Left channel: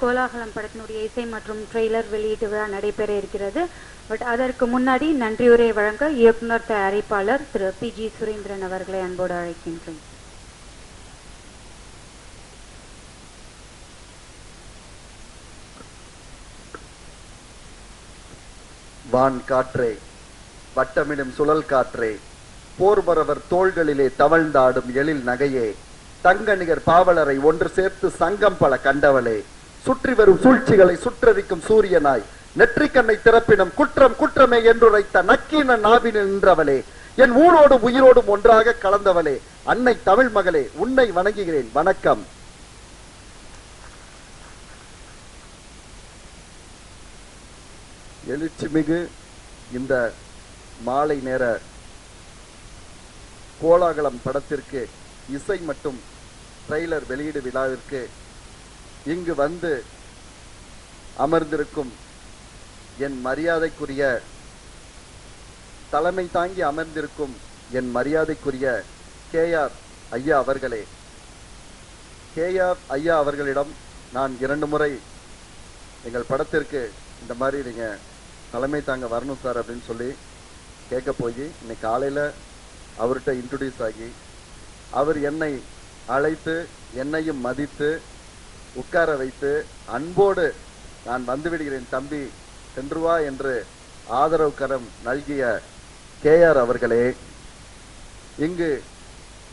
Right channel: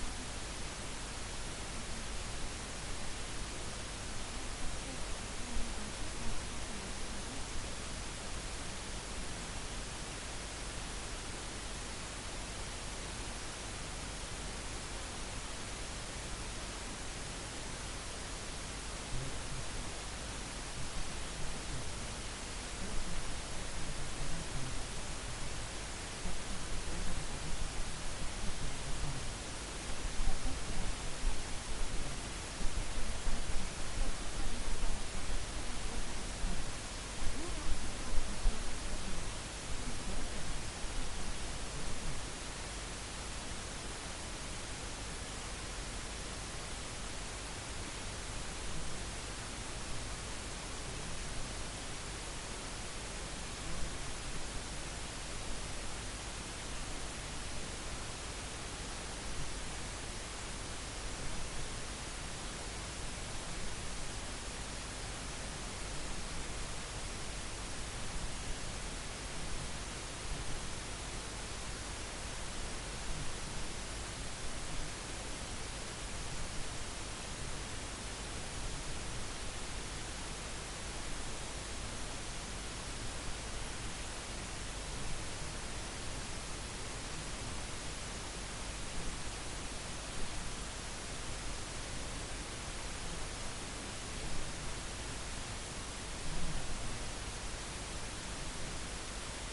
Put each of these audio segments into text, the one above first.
கோலாகலம் படத்தினுடைய இசை மற்றும் ட்ரெய்லர் வெளியீட்டு விழா நடைபெற இருக்கிறது. பட் அதற்கு முன்னாடி நன்றியுரை வழங்க இயக்குனர் தயாரிப்பாளர் திரு PG சுரேந்திரன் அவர்களை அன்போடு அழைக்கின்றோம். வான் காற்றே, வட்டமிடும் சுழல் காற்றே, போர்வரவர் தோள்களிலே தவழ்ந்தாடும் எழில் நகையே, தங்கநிகர் பாவலரை ஒன்று சேர்த்து சங்கம் பல கண்டவளே, சுற்றி வரும் சூழ்ச்சிகளை சுற்றறிக்கும் சூரியனாய் நெற்றிக்கண்ணை திறப்பினும் குற்றம் குற்றமே என்றுரைத்த நக்கீன நாவினில் நின்றவளே, என் ஊரோடும் உயிரோடும் ஒன்றாக கலந்தவளே, அன்னை தமிழ் மகளே, உன்னை வணங்குகிறேன். வணக்கம். எழுச்சிமிகு இந்த மாலை நேர கோலாகலம் படத்திற்கு இசை மற்றும் ட்ரெய்லர் வெளியீடு விழாவிற்கு இங்கு வந்து அமர்ந்திருக்கும் என் மரியாதைக்குரிய தலைமை தாங்கி அமர்ந்திருக்கும் என் மரியாதைக்குரிய KR ஐயா அவர்களே, KR ஐயா அவர்களிடம் நான் 2 முறை எங்கள் படத்திற்கு இந்த மாதிரி நீங்க தலைமை தாங்க வரணும் சார் அப்படின்னு சொல்லி கேட்க போய் இன்னைக்கு காலையில் அவர்கிட்ட இன்ட்ரோடியூஸ் ஆகி அவர் என்னை அழைத்து என்னையும் மதித்து உட்கார வைத்து அன்போடு நான் வந்து விடுகிறேன் தம்பி சென்று வா என்று ஆதரவு கரம் நல்கிய KR அவர்களே, இங்கு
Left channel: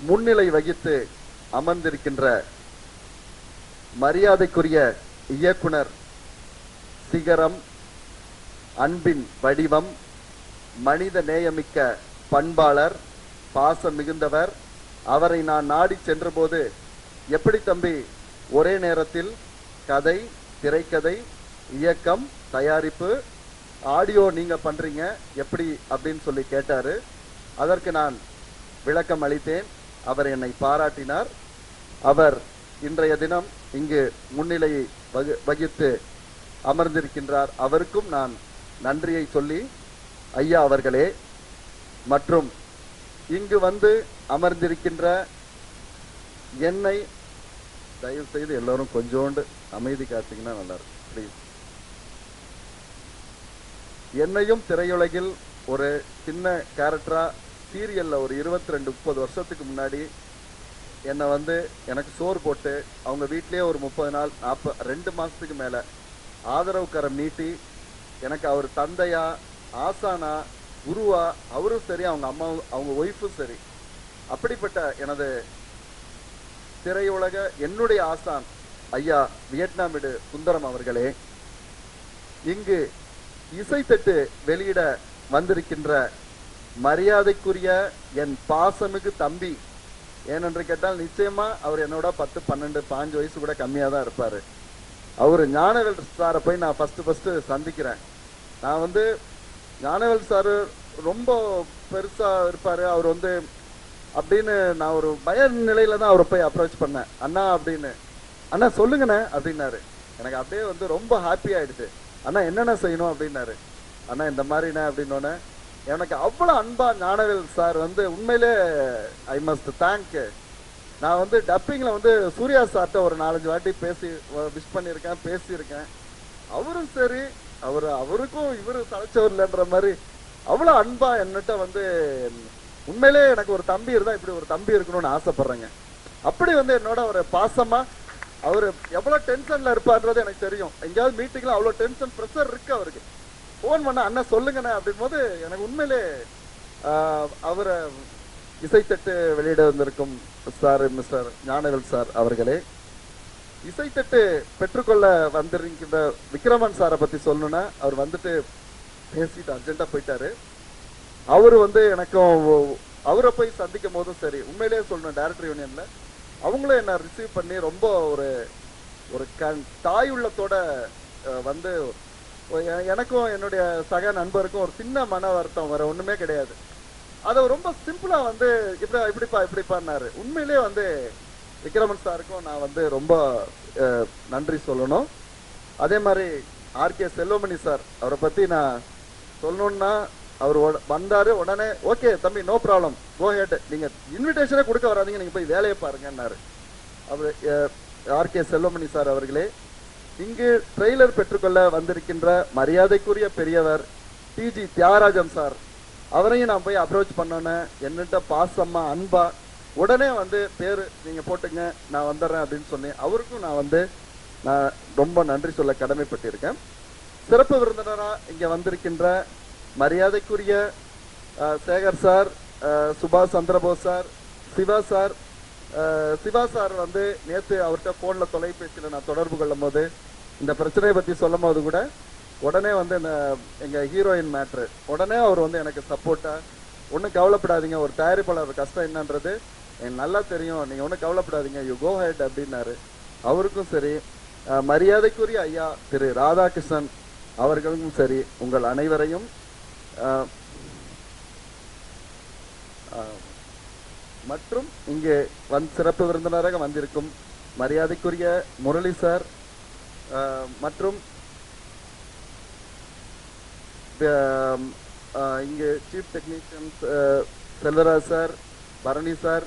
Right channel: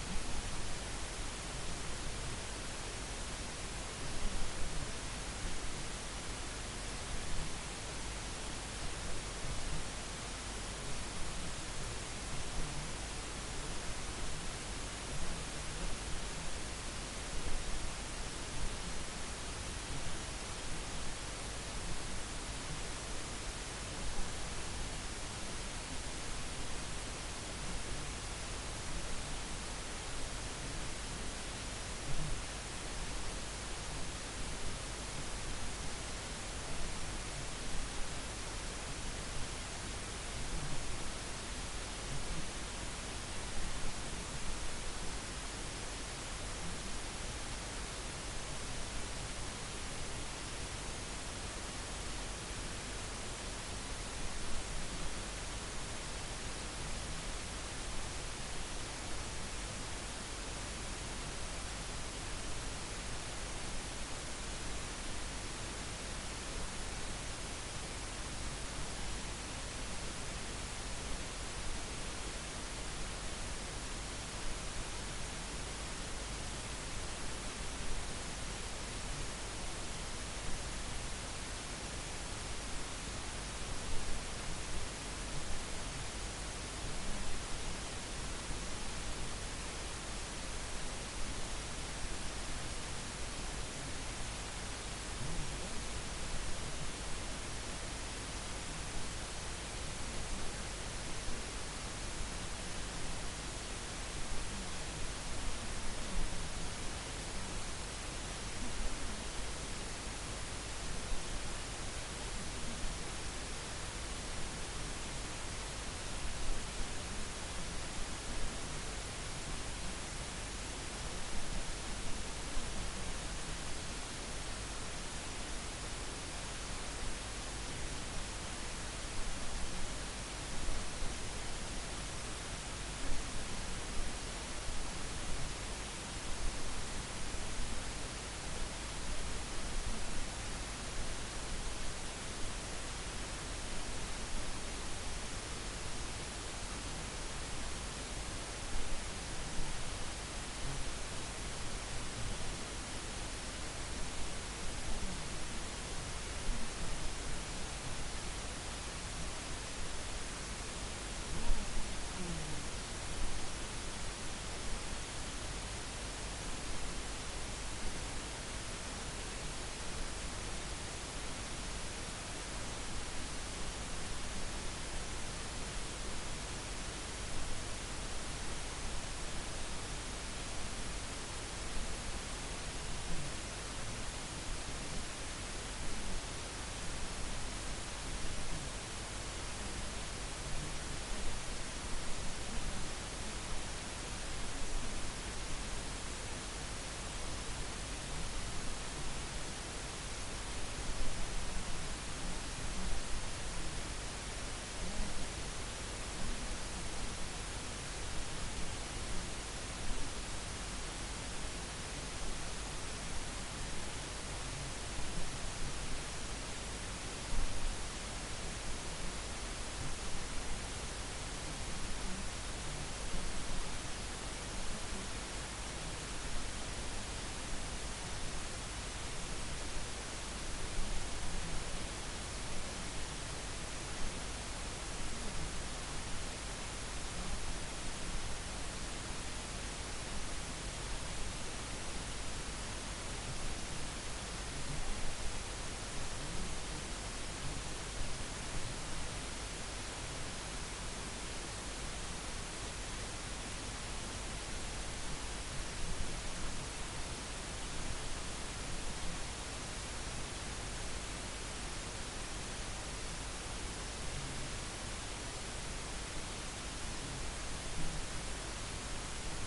முன்னிலை வகித்து அமர்ந்திருக்கின்ற மரியாதைக்குரிய இயக்குனர் சிகரம், அன்பின் வடிவம், மனித நேயமிக்க பண்பாளர், பாசம் மிகுந்தவர், அவரை நான் நாடி சென்றபோது எப்படி தம்பி ஒரே நேரத்தில் கதை, திரைக்கதை, இயக்கம், தயாரிப்பு, ஆடியோ நீங்க பண்றீங்க எப்படி அப்படின்னு சொல்லி கேட்டாரு. அதற்கு நான் விளக்கம் அளித்தேன். அவர் என்னை பாராட்டினார். அவர் இன்றைய தினம் இங்கு முன்னிலையை வகித்து அமர்ந்திருக்கின்றார். அவருக்கும் நான் நன்றியை சொல்லி, ஐயா அவர்களே மற்றும் இங்கு வந்து அமர்ந்திருக்கின்ற என்னை தயவு செய்து எல்லாரும் கொஞ்சோண்டு அமைதி காத்தீங்கன்னா நல்லா இருக்கும் ப்ளீஸ். என்னையும் திரையுலகில் ஒரு சின்ன கேரக்டரா சீரியல்ல ஒரு 22-30 வருஷத்துக்கு முன்னாடி என்னை வந்து எனக்கு சோறு போட்டு அவங்க வீட்டிலேயே ஒரு 30 நாள் 2 மாசத்துக்கு மேல ஆதரவு கரம் நீட்டி எனக்கு அவர் தந்தையா ஆசானா குருவா அவரும் சரி அவங்க அம்மாவும் அவங்க ஒய்ஃபும் சரி அப்படிப்பட்ட எனது திரையுலக என்னுடைய ஆசான் ஐயா வியட்நாமிடு சுந்தரம் அவர்களே, இங்கு இசைத்தட்டு வெளியிட வந்திருக்கின்ற மரியாதைக்குரிய என் பாசமிகு தம்பி, ஏனென்று கேட்டால் நிச்சயமா அவர் என்னோட 10, 12, 15 வயசு கூட கம்மியா தான் இருப்பாரு. அவரு ஞானவேல் சாரை போய் நான் ஃபர்ஸ்ட் சந்திக்கிறேன். நான் வந்து ஞானவேல் சாரு ரொம்ப பெருசா இருப்பாரு, அவர் வந்து அப்படின்னு நான் ஒரு பய நிலையில தான் அவரை போய் அப்ரோச் பண்ணேன். அண்ணா அப்படின்னு, அண்ணா சொல்லுங்கண்ணே அப்படின்னாரு. எனக்கு அப்படியே வந்து ரொம்ப ஹாப்பி ஆயிடுச்சு. அண்ணா என்னென்ன செய்யணும் அப்படின்னாரு. அண்ணா இந்த மாதிரிண்ணே அப்படின்னோடனே எனக்கு அவ்வளோ அன்பா ஞானவேல் சார் வந்து உண்மையிலே ஐ மஸ்ட் தேங்க். நான் வந்து டப்பிங்கில் வந்து சூர்யா சார்ட்ட ஒரு 4-5 வாட்டி பேசி விஷ் பண்ணியிருக்கேன், பேசியிருக்கேன். அவரும் சரி அவருக்கும் இவரு தலைச்சவர் இல்லைன்ற மாதிரி அவ்வளோ அன்பா என்னட்ட வந்து உண்மையிலே எனக்கு ஒரு தம்பி இருந்தா இப்படி ஒரு தம்பி இருக்கணும்னு ஆசைப்படுறேங்க. அப்படி வந்து என்னோட ஒரு பாசமா அவரு எவ்வளவு டென்ஷன்ல இருப்பார்ன்றது எனக்கு தெரியும். எங்கேயாவது மீட்டிங்ல அவ்வளவு டென்ஷன் ப்ரெஷர் இருக்கு அவருக்கு. போன் பண்ண அண்ணன் சொல்லுங்கண்ணே அப்படின் போது எனக்கு உண்மையிலே அவரை இசைத்தட்டு வெளியிட வந்திருக்கும் சார் மிஸ்டர் ஞானவேல் சார் அவர்களே, இசைத்தட்டு பெற்றுக்கொள்ள வந்திருக்கின்ற விக்ரமன் சாரை பத்தி சொல்லணும்னா அவர் வந்துட்டு பேசிட்டு அர்ஜென்டா போயிட்டாரு. அவரு வந்து எனக்கும் அவரை போய் சந்திக்கும் போதும் சரி உண்மையிலேயே சொல்லணும் டைரக்டர் யூனியன்ல அவங்களும் என்ன ரிசீவ் பண்ணி ரொம்ப ஒரு தாய் உள்ளத்தோட வந்து எனக்கும் என்னுடைய சக நண்பருக்கும் ஒரு சின்ன மன வருத்தம் வேற ஒண்ணுமே கிடையாது. அதை ரொம்ப சிம்பிளா வந்து இப்படிப்பான்னாரு. உண்மையிலேயே வந்து விக்ரமன் சாருக்கும் நான் வந்து ரொம்ப நன்றி சொல்லணும். அதே மாதிரி RK செல்வமணி சார் அவரை பத்தி நான் சொல்லணும்னா அவர் வந்தாரு உடனே ஓகே தம்பி நோ ப்ராப்ளம் கோ ஹெட், நீங்க இன்விடேஷனே கொடுக்க வராதீங்க, நீங்க போய் வேலையை பாருங்கன்னாரு. அவர் RK செல்வமணி சார் அவர்களே, இங்கு ட்ரெய்லர் பெற்றுக்கொள்ள வந்திருக்கின்ற மரியாதைக்குரிய பெரியவர் டிஜி தியாகராஜன் சார், அவரையும் நான் போய் அப்ரோச் பண்ணோன்னே என்னட்ட பாசமா அன்பா உடனே வந்து பேர் நீங்க போட்டுங்க நான் வந்துடுறேன் அப்படின்னு சொன்னேன். அவருக்கும் நான் ரொம்ப நன்றி சொல்ல கடமைப்பட்டிருக்கேன். சிறப்பு விருந்தினரா இங்க வந்திருக்கின்ற மரியாதைக்குரிய சேகர் சார், சுபாஷ் சந்திரபோஸ் சார், சிவா சார் வந்து நேற்று அவர்கிட்ட போன்ல தொலைபேசியில் நான் தொடர்பு கொள்ளும் போது இந்த பிரச்சனையை பத்தி சொல்லும் போது கூட உடனே வந்து எங்க ஹீரோயின் மேட்ரு உடனே அவர் வந்து எனக்கு சப்போர்ட்டா, ஒன்றும் கவலைப்படாதீங்க, ஒரு தயாரிப்பாளர் கஷ்டம் என்னன்றது எனக்கு நல்லா தெரியும், நீங்க ஒன்றும் கவலைப்படாதீங்க, யூ கோ ஹெட் அப்படின்னாரு. அவருக்கும் சரி, மரியாதைக்குரிய ஐயா திரு ராதாகிருஷ்ணன் அவர்களுக்கும் சரி, உங்கள் அனைவரையும் மற்றும் இங்கே சிறப்பு விருந்தினராக வந்திருக்கும் மரியாதைக்குரிய முரளி சார் மற்றும் இங்கே chief technicians Selvaraj sir, Bharani sir,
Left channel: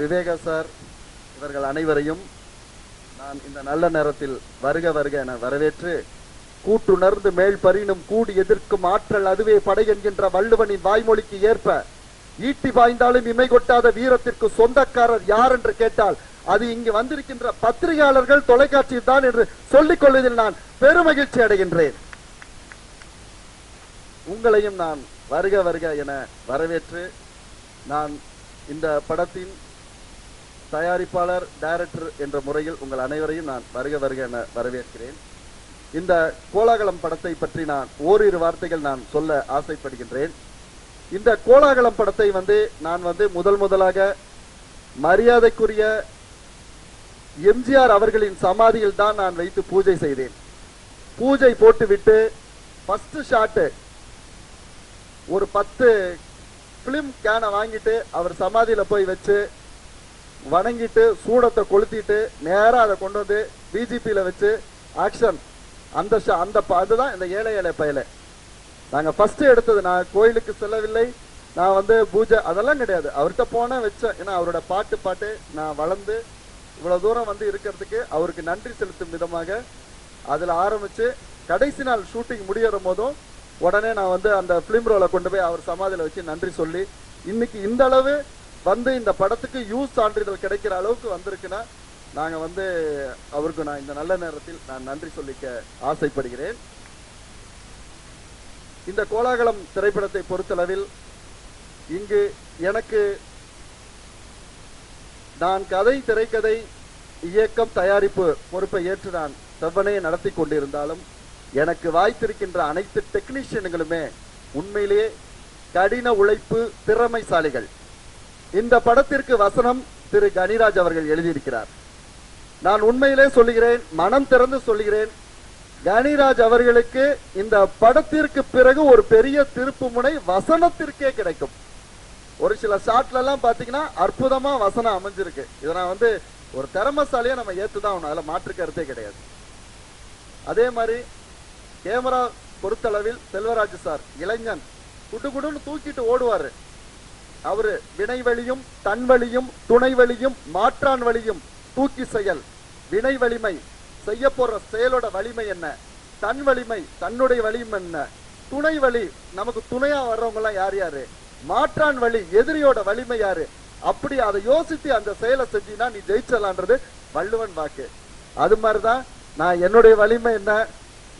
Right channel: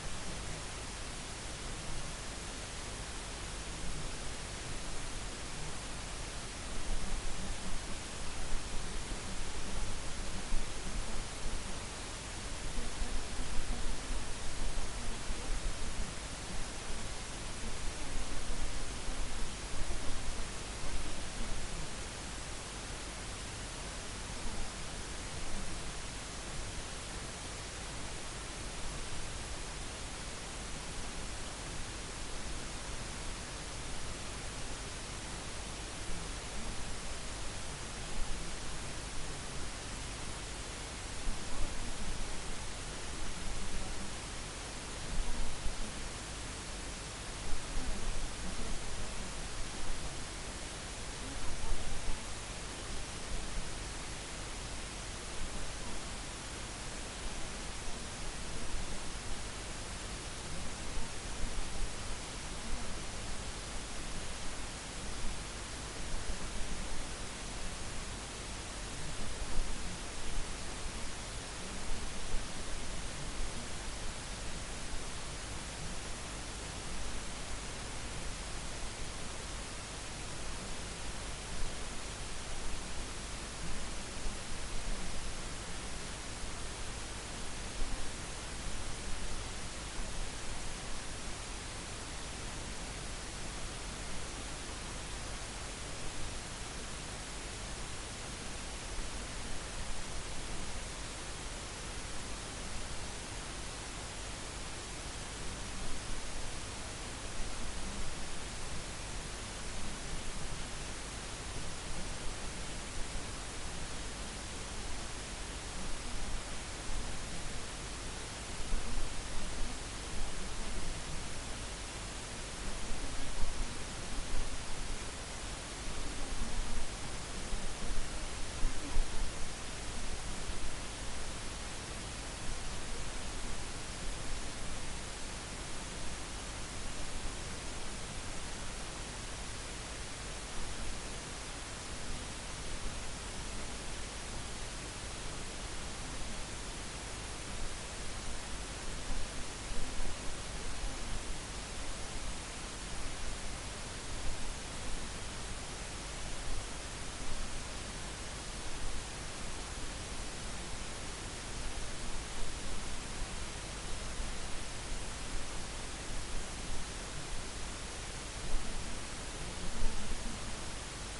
Viveka sir, இவர்கள் அனைவரையும் நான் இந்த நல்ல நேரத்தில் வருக வருக என வரவேற்று, கூட்டுணர்ந்து மேல் பரினும் கூடி எதிர்க்கும் ஆற்றல் அதுவே படை என்கின்ற வள்ளுவனின் வாய்மொழிக்கு ஏற்ப ஈட்டி பாய்ந்தாலும் இமை கொட்டாத வீரத்திற்கு சொந்தக்காரர் யார் என்று கேட்டால் அது இங்கு வந்திருக்கின்ற பத்திரிகையாளர்கள், தொலைக்காட்சி தான் என்று சொல்லிக் கொள்வதில் நான் பெருமகிழ்ச்சி அடைகின்றேன். உங்களையும் நான் வருக வருக என வரவேற்று, நான் இந்த படத்தின் தயாரிப்பாளர், டைரக்டர் என்ற முறையில் உங்கள் அனைவரையும் நான் வருக வருக என வரவேற்கிறேன். இந்த கோலாகலம் படத்தை பற்றி நான் ஓரிரு வார்த்தைகள் நான் சொல்ல ஆசைப்படுகின்றேன். இந்த கோலாகலம் படத்தை நான் முதலாக மரியாதைக்குரிய எம்ஜிஆர் அவர்களின் சமாதியில் தான் நான் வைத்து பூஜை செய்தேன். பூஜை போட்டுவிட்டு ஃபர்ஸ்ட் ஷாட் ஒரு 10 பிலிம் கேனை வாங்கிட்டு அவர் சமாதியில போய் வச்சு வணங்கிட்டு சூடத்தை கொளுத்திட்டு நேரா அதை கொண்டு வந்து பிஜிபியில வச்சு ஆக்ஷன். அதுதான் இந்த ஏழை ஏழை பயல நாங்க ஃபர்ஸ்ட் எடுத்தது. நான் கோயிலுக்கு செல்லவில்லை, நான் பூஜை அதெல்லாம் கிடையாது, அவர்கிட்ட போன வச்சேன். ஏன்னா அவரோட பாட்டு நான் வளர்ந்து இவ்வளவு தூரம் இருக்கிறதுக்கு அவருக்கு நன்றி செலுத்தும் விதமாக அதுல ஆரம்பிச்சு கடைசி நாள் ஷூட்டிங் முடியற போதும் உடனே நான் அந்த பிலிம் ரோலை கொண்டு போய் அவர் சமாதியில வச்சு நன்றி சொல்லி, இன்னைக்கு இந்த அளவு இந்த படத்துக்கு யூஸ் சான்றிதழ் கிடைக்கிற அளவுக்கு வந்திருக்குன்னா நாங்க அவருக்கு நான் இந்த நல்ல நேரத்தில் நான் நன்றி சொல்லிக்க ஆசைப்படுகிறேன். இந்த கோலாகலம் திரைப்படத்தை பொறுத்தளவில் இங்கு எனக்கு நான் கதை, திரைக்கதை, இயக்கம், தயாரிப்பு பொறுப்பை ஏற்று நான் செவ்வனையை நடத்தி கொண்டிருந்தாலும் எனக்கு வாய்த்திருக்கின்ற அனைத்து டெக்னீஷியன்களுமே உண்மையிலேயே கடின உழைப்பு, திறமைசாலிகள். இந்த படத்திற்கு வசனம் திரு கனிராஜ் அவர்கள் எழுதியிருக்கிறார். நான் உண்மையிலே சொல்லுகிறேன், மனம் திறந்து சொல்லுகிறேன், கனிராஜ் அவர்களுக்கு இந்த படத்திற்கு பிறகு ஒரு பெரிய திருப்பு முனை வசனத்திற்கே கிடைக்கும். ஒரு சில ஷாட்ல எல்லாம் பாத்தீங்கன்னா அற்புதமா வசனம் அமைஞ்சிருக்கு. இதை நான் ஒரு திறமசாலியா நம்ம ஏத்துதான், அதுல மாற்று கருத்தே கிடையாது. அதே மாதிரி கேமரா பொறுத்தளவில் செல்வராஜ் சார் இளைஞன், குடுகுடுன்னு தூக்கிட்டு ஓடுவாரு. அவரு வினை வழியும், தன் வழியும், துணை வழியும், மாற்றான் வழியும், தூக்கி செயல், வினை வலிமை, செய்ய போற செயலோட வலிமை என்ன, தன் வலிமை, தன்னுடைய வலிமை என்ன, துணை வழி, நமக்கு துணையா வர்றவங்க எல்லாம் யார் யாரு, மாற்றான் வழி, எதிரியோட வலிமை யாரு, அப்படி அதை யோசித்து அந்த செயலை செஞ்சீங்கன்னா நீ ஜெயிச்சலான்றது வள்ளுவன் வாக்கு. அது மாதிரிதான் நான் என்னுடைய வலிமை என்ன,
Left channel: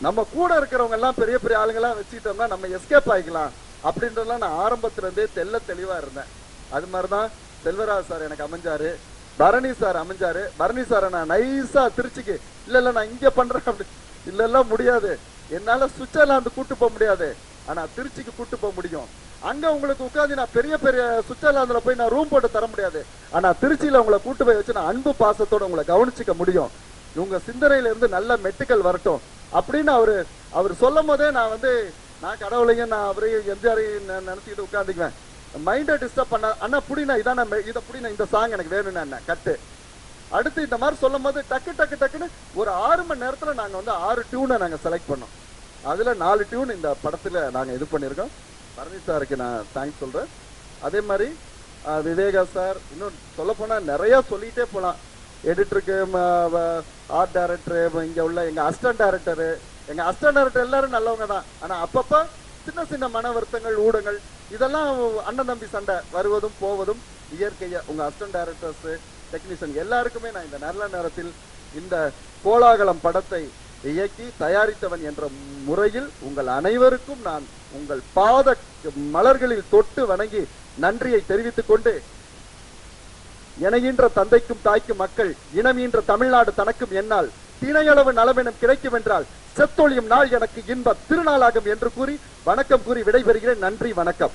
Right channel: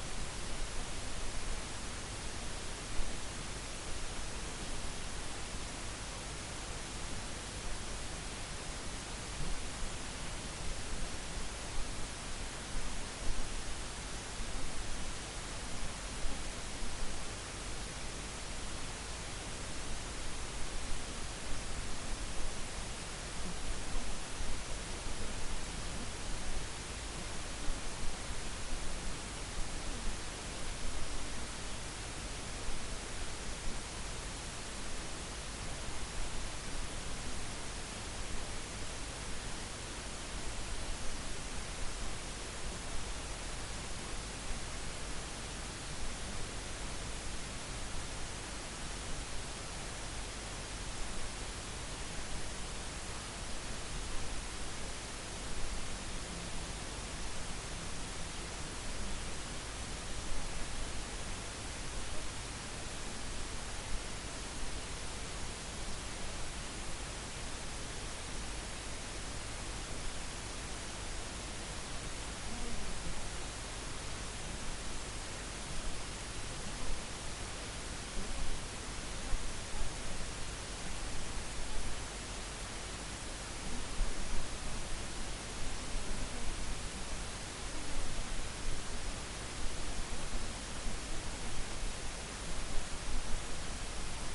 நம்ம கூட இருக்கிறவங்க எல்லாம் பெரிய பெரிய ஆளுங்கெல்லாம் வச்சுட்டோம்னா நம்ம எஸ்கேப் ஆகிக்கலாம் அப்படின்றதெல்லாம் நான் ஆரம்பத்துல இருந்தே தெளிவா இருந்தேன். அது மாதிரிதான் செல்வராஜ் சார் எனக்கு அமைஞ்சாரு, பரணி சார் அமைஞ்சாரு. பரணி சாரை நான் நைஸா திருச்சிக்கு இல்ல நான் இங்க பண்றேன் அப்படி இல்ல முடியாது, என்னால சுவிட்சர்லாந்து கூட்டு போக முடியாது, ஆனா திருச்சிக்கு கூட்டு போக முடியும். அங்க உங்களுக்கு உட்காந்து நான் பெரிய பெரிய சுவிட்சர்லாந்துல போய் நான் ரூம் போட்டு தர முடியாது, ஆனா திருச்சியில உங்களை கூட்டு போய் வச்சு நான் அன்பு பாசத்தோட உங்களை கவனிச்சுக்க முடியும். இவங்க சிந்தனையில இருந்து நல்ல மெட்டுக்கள் வரட்டும் அப்படின்னு அவர் சொல்லும் போதே நான் கடவுளையும் நான் அவரையும் எம்ஜிஆரையும் நினைச்சுக்கிட்டு உட்காந்துக்குவேன். மைண்டை டிஸ்டர்ப் பண்ண அண்ணா புடினா இதான் இதை புடினா இந்த சாங் எனக்கு வேணும்னா என்ன கட்டு. அடுத்து இந்த மாதிரி சொல்லும் போது டக்குன்னு ஒரு 6 மணி நேரத்துல நாங்க 6 டியூனை நாங்க செலக்ட் பண்ணோம். அதுல 4 டியூன் இந்த படத்துல நாங்க இது பண்ணிருக்கோம். பரணி சாருக்கு நான் தேங்க்ஸ் சொல்றேன். அதே மாதிரி விவேகா சார், இன்னும் சொல்ல போனா நிறைய சொல்லிட்டே போலாம். எடிட்டருக்கு, ஆர்ட் டைரக்டர், இங்க உள்ள எங்க அசிஸ்டன்ட் டைரக்டர் எல்லாரும் நல்லவங்க தான். ஆனா அப்பப்ப சின்ன சின்ன மன வருத்தங்கள், ஊடகங்கள், இதெல்லாம் அண்ணன் தம்பி சண்டை வருவதும் போவதும் இயற்கையா. உங்க அசிஸ்டன்ட் டைரக்டர்ஸ், டெக்னீஷியன் எல்லாருக்குமே நான் இந்த நல்ல நேரத்தில் இந்த கோலாகலம் படத்தை இயக்கி தயாரித்தவன் என்ற முறையில் உங்கள் அனைவருக்கும் நான் உங்கள் பாத மலர்களில் தொட்டு வணங்கி நன்றியை தெரிவித்துக் கொண்டு, எனையின்ற தந்தைக்கும் தாய்க்கும் மக்கள், இனமீன்ற தமிழ்நாடு தனக்கும் என்னால் தினையளவு நலமெனும் கிடைக்கும் என்றால் செத்தொழியும் நாள் எனக்கு இன்ப திருநாளாகும் என்று கூறி வணக்கம் கூறி விடைபெறுகிறேன். நன்றி, வணக்கம்.